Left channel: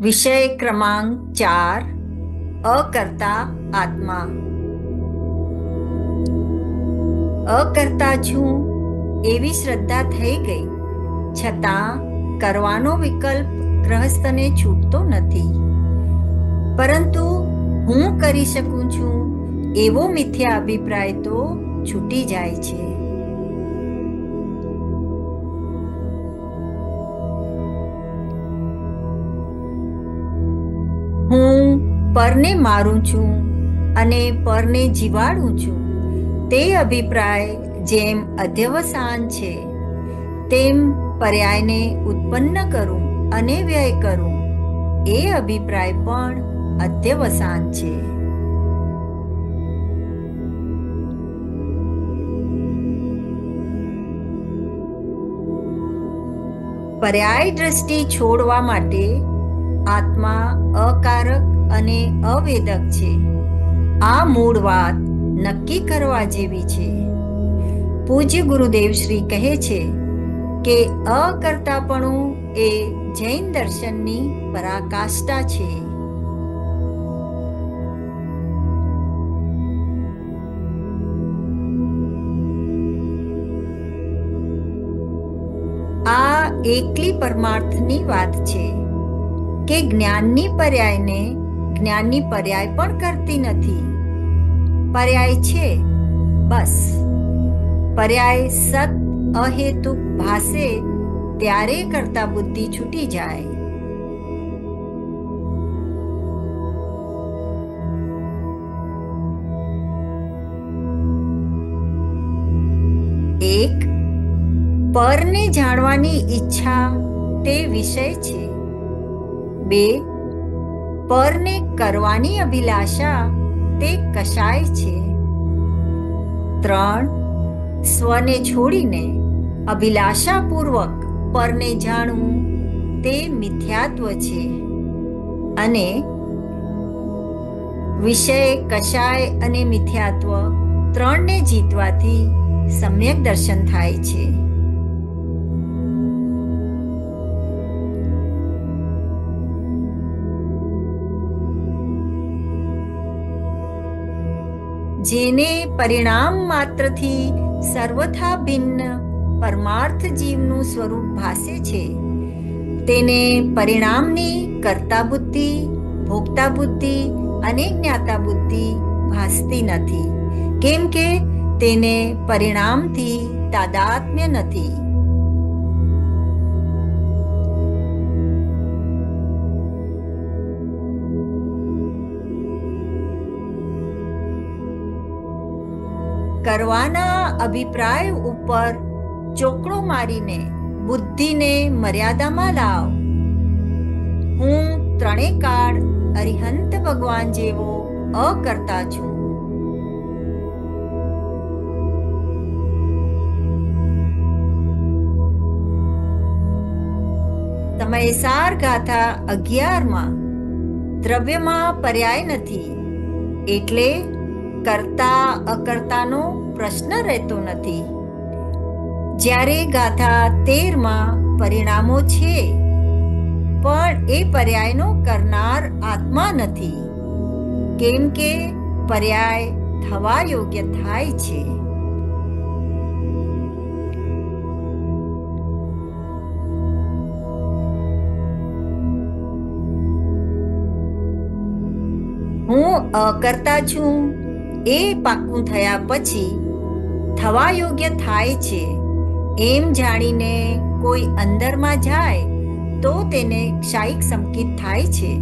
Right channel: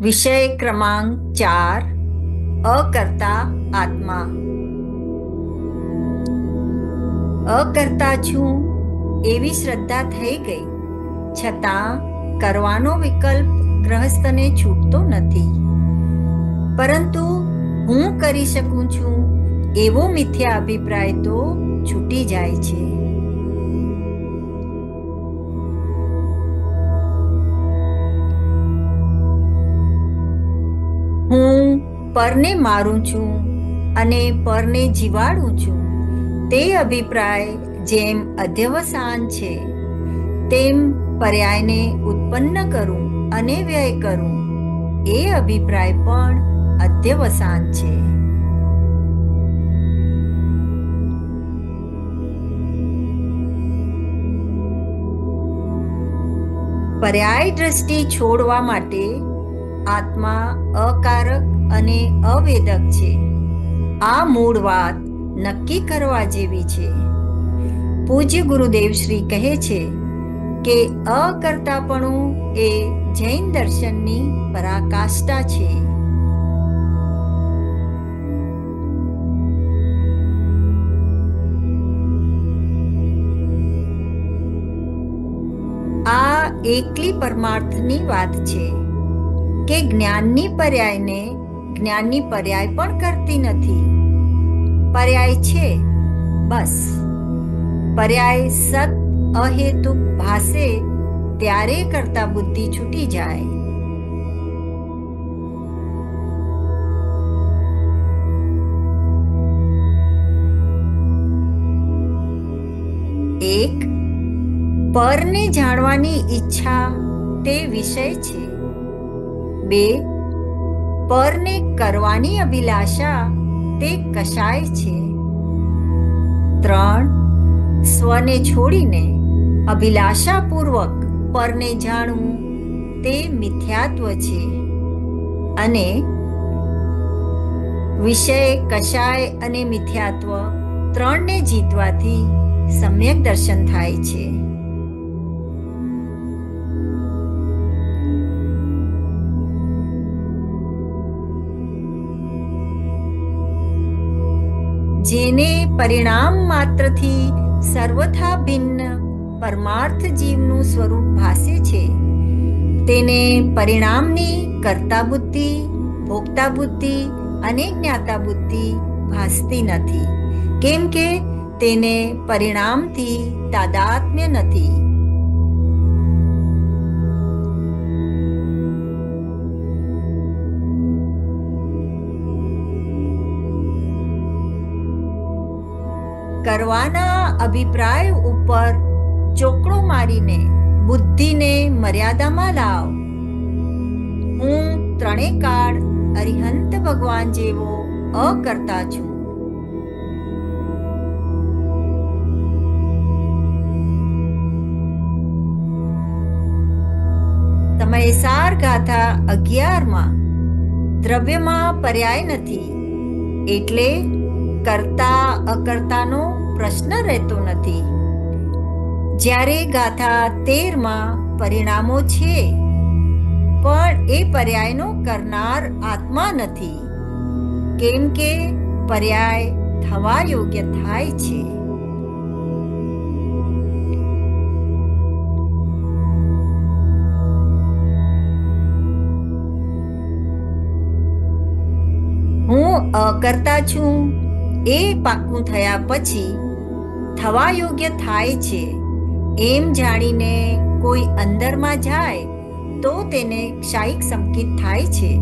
વિષય ક્રમાંક ચાર, અકર્તા આત્મા. અકર્તા છું એવી શ્રદ્ધા થઈ ગઈ, છતાં કરવાનો વિકલ્પ ગ્રહસ્થને છૂટતો નથી. પરંતુ હું કરી શકું છું એવો મિથ્યા અભિપ્રાય તો છૂટી જાય છે. પરને મારું છું અને પરને જીવાડું છું. તે અભિપ્રાય જેમ અધ્યવસાન છે, તેમ પર્યાયને ઉત્પન્ન કરું અને વ્યય કરું. એ અભિપ્રાય પણ અધ્યવસાન છે. પર્યાય દ્રષ્ટિ છોડવા માટે આત્મા અકારક અને અવેદક છે. આ મૂળ વાત નક્કી કરવા જેવી છે. પૂજ્ય ગુરુદેવ શ્રી કહે છે કે અકર્તાપણું એ જૈન દર્શનની પરાકાષ્ઠા છે. આ એકલી પરમાર્થની વાત છે કે જ્ઞાનની પર્યાયને જ્ઞાનની પર્યાય પણ કરતી નથી. પર્યાય છે, બસ. પર્યાય સત અહેતુક ભાસે ત્યારે કરતા બુદ્ધિ છૂટી જાય. એક, પરને જાણવાની ઈચ્છા તે વિષય છે. બે પરને કરવાની અભિલાષા તે કશાય છે? ત્રણ, સ્વને છોડીને અભિલાષાપૂર્વક પરને જાણવું તે મિથ્યાત્વ છે. અને વિષય કશાય અને મિથ્યાત્વ ત્રણને જીતવાથી સમ્યક દર્શન થાય છે. જેને પરિણામ માત્રથી સર્વથા ભિન્ન પરમાર્થ જીવનું સ્વરૂપ ભાસે છે. તેને પરિણામની કર્તા બુદ્ધિ, ભોગતા બુદ્ધિ અને જ્ઞાતા બુદ્ધિ ભાસતી નથી. કેમ કે તેને પરિણામથી તાદાત્મ્ય નથી. કરવાના અભિપ્રાય ઉપર ચોકડો મારીને બુદ્ધિને મર્યાદામાં લાવ. હું ત્રણે કાળ અરિહંત ભગવાન જેવો અકર્તા છું. સમયસાર ગાથા અગિયારમાં દ્રવ્યમાં પર્યાય નથી. એટલે કરતા અકર્તાનો પ્રશ્ન રહેતો નથી. જ્યારે ગાથા તેરમાં પરિણામો છે, પણ એ પર્યાયનો કરનાર આત્મા નથી. કેમ કે પર્યાય થવા યોગ્ય થાય છે. હું અકર્તા છું એ પાકું થયા પછી થવા યોગ્ય થાય છે. એમ જાણીને કોઈ અંદરમાં જાય તો તેને ક્ષાયિક સંકેત થાય છે.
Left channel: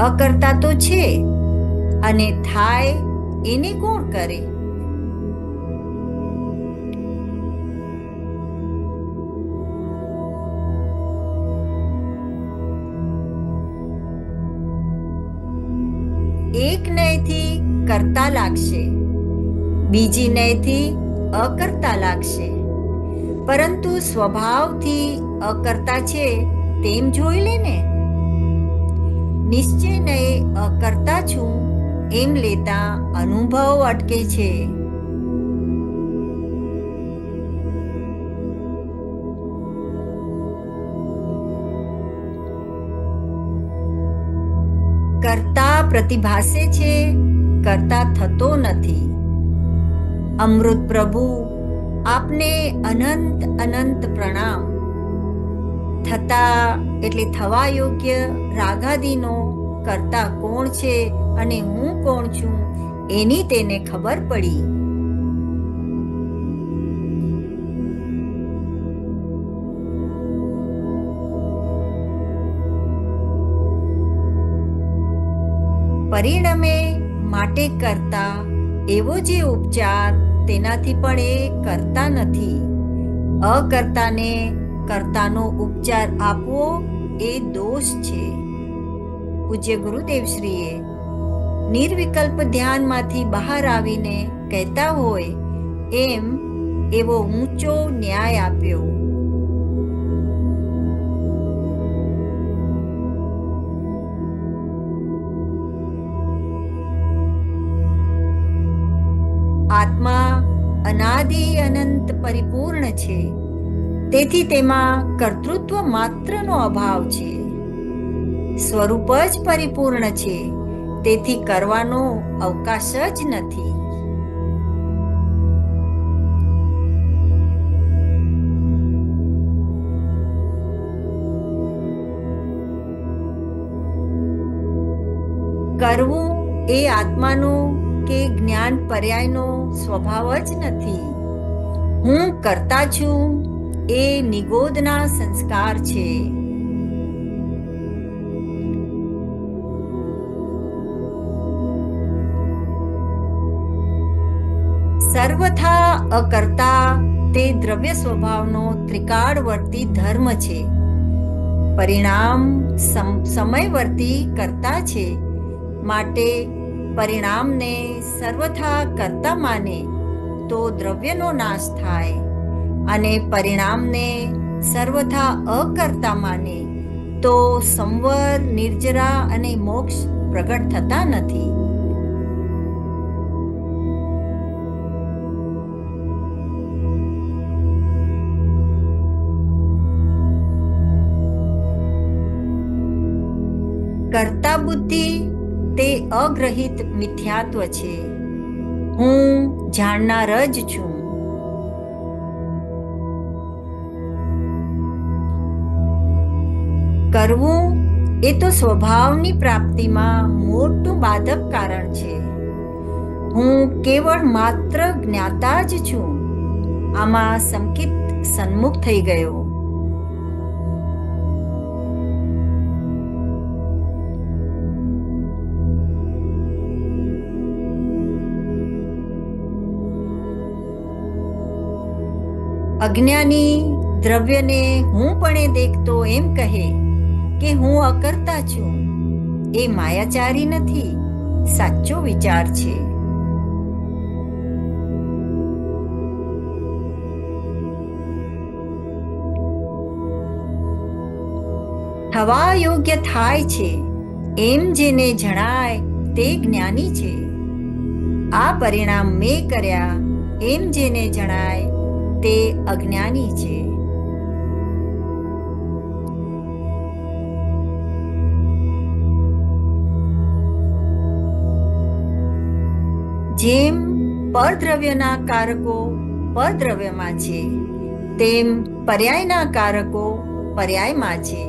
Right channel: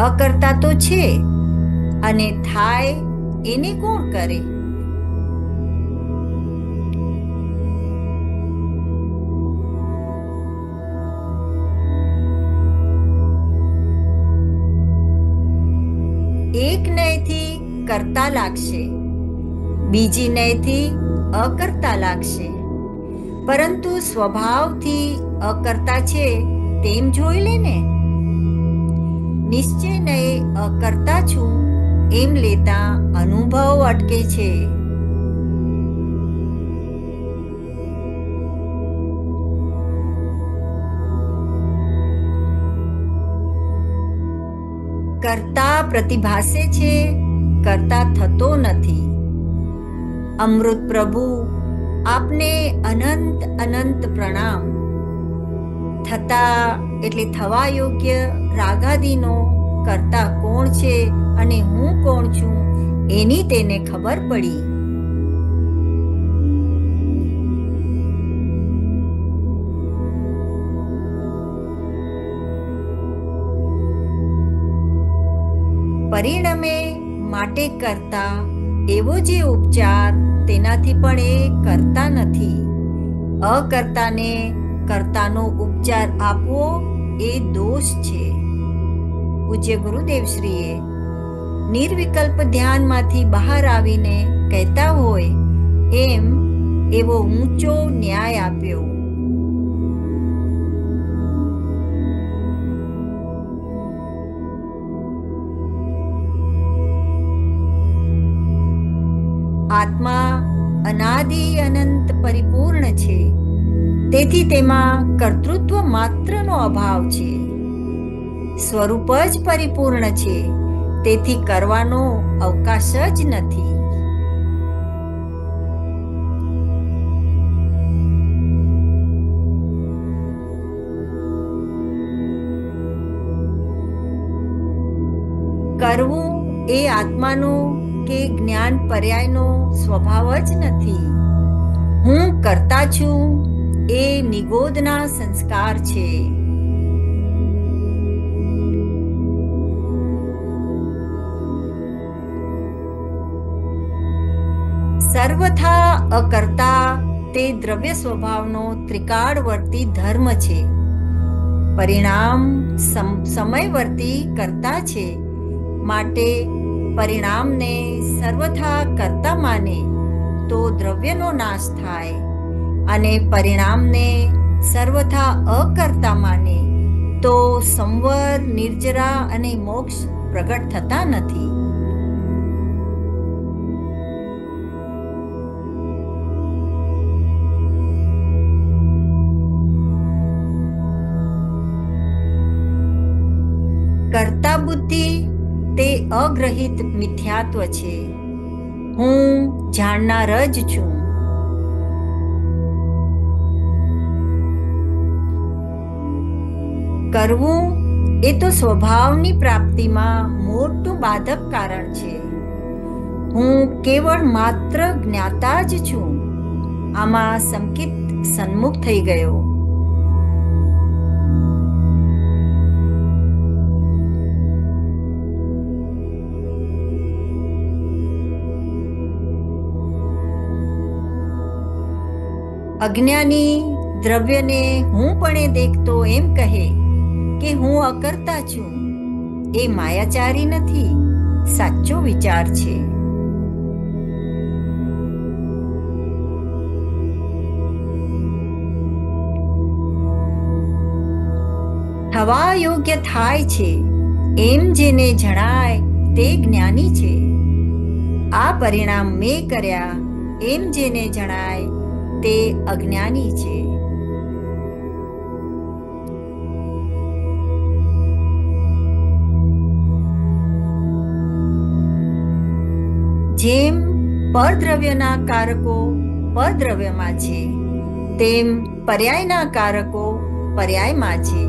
અકર્તા તો છે અને થાય એને કોણ કરે? એક નયથી કરતા લાગશે. બીજી નયથી અકર્તા લાગશે. પરંતુ સ્વભાવથી અકર્તા છે તેમ જોઈ લે ને. નિશ્ચય નયે અકર્તા છું એમ લેતા અનુભવ અટકે છે. કરતા પ્રતિભાસે છે કરતા થતો નથી. અમૃત પ્રભુ, આપને અનંત અનંત પ્રણામ. થતા એટલે થવા યોગ્ય રાગાદીનો કરતા કોણ છે અને હું કોણ છું એની તેને ખબર પડી. પરિણમે માટે કરતા એવો જે ઉપચાર તેનાથી પણ એ કરતા નથી. અકર્તાને કર્તાનો ઉપચાર આપવો એ દોષ છે. પૂજ્ય ગુરુદેવશ્રીએ નિર્વિકલ્પ ધ્યાનમાંથી બહાર આવીને કહેતા હોય, એમ એવો ઊંચો ન્યાય આપ્યો. અનાદિ અનંત પરિપૂર્ણ છે. તેથી તેમાં કર્તૃત્વ માત્રનો અભાવ છે. સ્વરૂપ જ પરિપૂર્ણ છે. તેથી કરવાનો અવકાશ જ નથી. કરવું એ આત્માનો કે જ્ઞાન પર્યાયનો સ્વભાવ જ નથી. હું કરતા છું, એ નિગોદના સંસ્કાર છે. સર્વથા અકર્તા તે દ્રવ્ય સ્વભાવનો ત્રિકાળવર્તી ધર્મ છે. પરિણામ સમ- સમયવર્તી કરતા છે. માટે પરિણામને સર્વથા કરતા માને તો દ્રવ્યનો નાશ થાય અને પરિણામને સર્વથા અકર્તા માને તો સંવર, નિર્જરા અને મોક્ષ પ્રગટ થતા નથી. કર્તા બુદ્ધિ તે અગ્રહિત મિથ્યાત્વ છે. હું જાણનાર જ છું. કરવું એ તો સ્વભાવની પ્રાપ્તિમાં મોટું બાધક કારણ છે. હું કેવળ માત્ર જ્ઞાતા જ છું. આમાં સંકિત સન્મુખ થઈ ગયો. અજ્ઞાની દ્રવ્યને હું પણ દેખતો એમ કહે કે હું અકર્તા છું. એ માયાચારી નથી, સાચો વિચાર છે. થવા યોગ્ય થાય છે, એમ જેને જણાય તે જ્ઞાની છે. આ પરિણામ મેં કર્યા, એમ જેને જણાય તે અજ્ઞાની છે. જેમ પરદ્રવ્યના કારકો પરદ્રવ્યમાં છે, તેમ પર્યાયના કારકો પર્યાયમાં છે.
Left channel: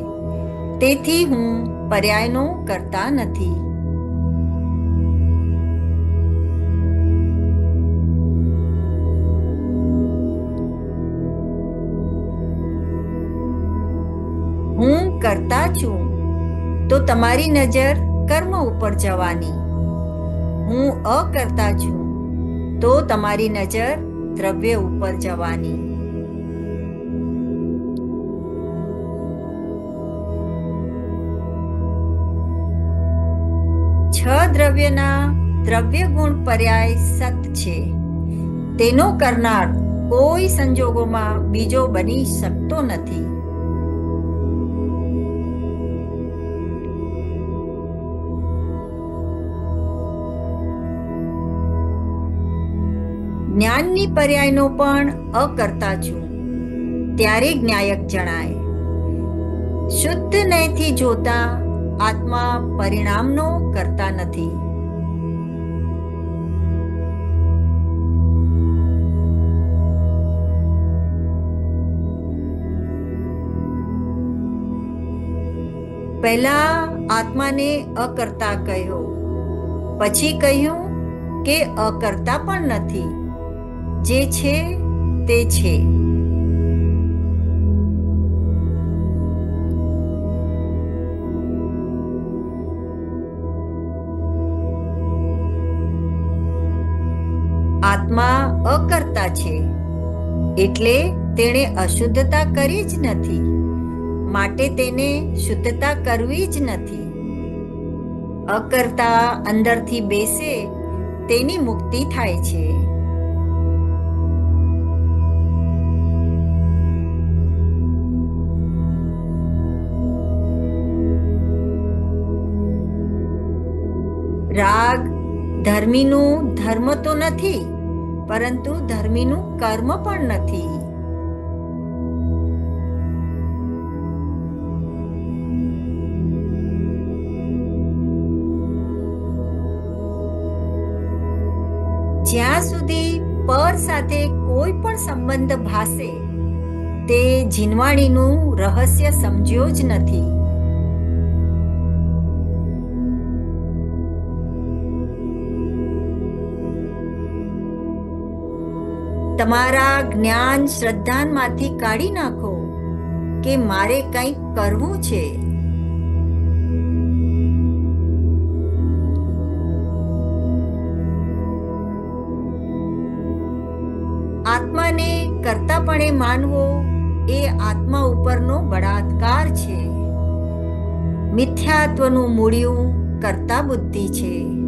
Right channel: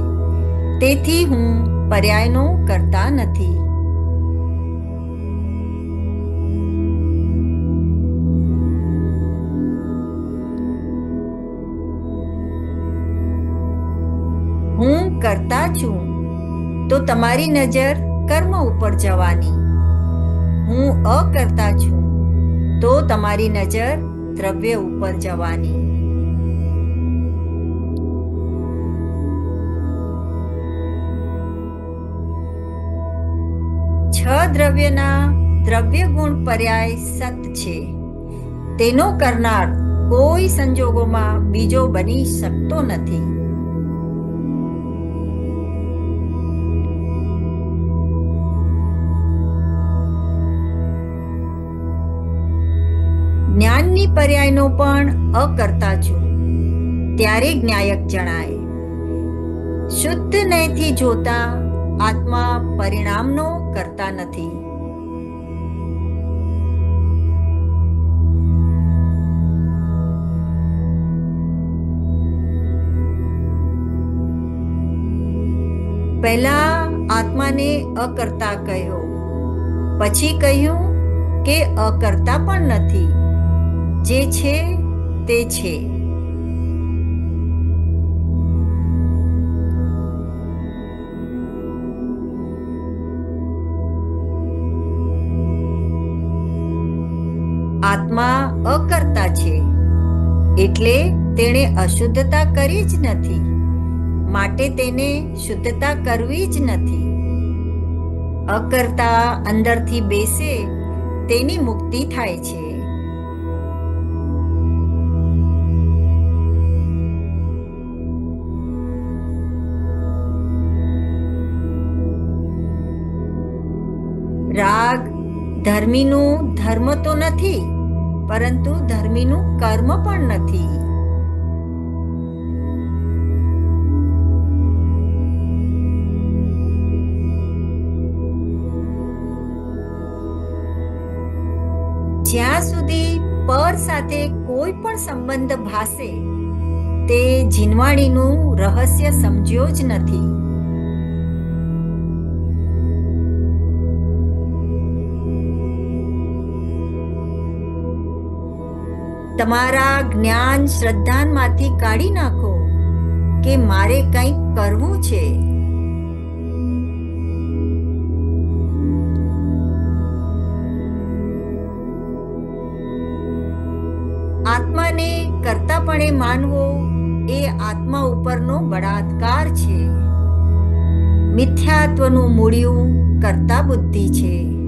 તેથી હું પર્યાયનો કરતા નથી. કરતા છું, તો તમારી નજર કર્મ ઉપર જવાની. હું અકર્તા છું, તો તમારી નજર દ્રવ્ય ઉપર જવાની. છ દ્રવ્યના દ્રવ્ય ગુણ પર્યાય સત છે. તેનો કરનાર કોઈ સંજોગોમાં બીજો બની શકતો નથી. જ્ઞાનની પર્યાયનો પણ અકર્તા છું. ત્યારે જ્ઞાયક જણાય, શુદ્ધ નયથી જોતા આત્મા પરિણામનો કરતા નથી. પહેલા આત્માને અકર્તા કહ્યો, પછી કહ્યું કે અકર્તા પણ નથી. જે છે તે છે. આત્મા અકર્તા છે, એટલે તેણે અશુદ્ધતા કરી જ નથી, માટે તેને શુદ્ધતા કરવી જ નથી. અકર્તા અંદરથી બેસે, તેની મુક્તિ થાય છે. રાગ ધર્મીનું ધર્મ તો નથી, પરંતુ ધર્મીનું કર્મ પણ નથી. જ્યાં સુધી પર સાથે કોઈ પણ સંબંધ ભાસે, તે જીનવાણીનું રહસ્ય સમજ્યો જ નથી. તમારા જ્ઞાન શ્રદ્ધાનમાંથી કાઢી નાખો કે મારે કંઈક કરવું છે. આત્માને કરતાપણે માનવો એ આત્મા ઉપરનો બળાત્કાર છે. મિથ્યાત્વનું મૂળિયું કરતા બુદ્ધિ છે.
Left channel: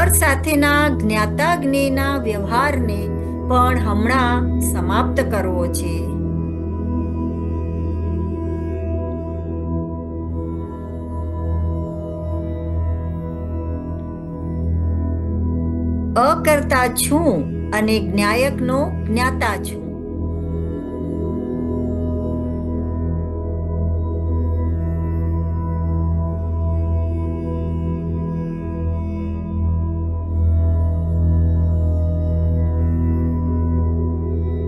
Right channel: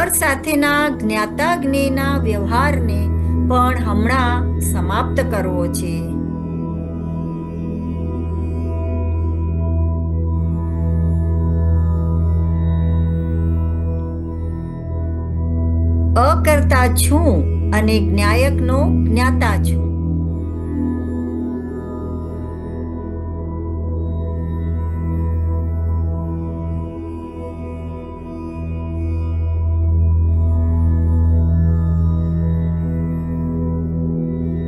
પર સાથેના જ્ઞાતા જ્ઞેયના વ્યવહારને પણ હમણાં સમાપ્ત કરવો છે. અકર્તા છું અને જ્ઞાયકનો જ્ઞાતા છું.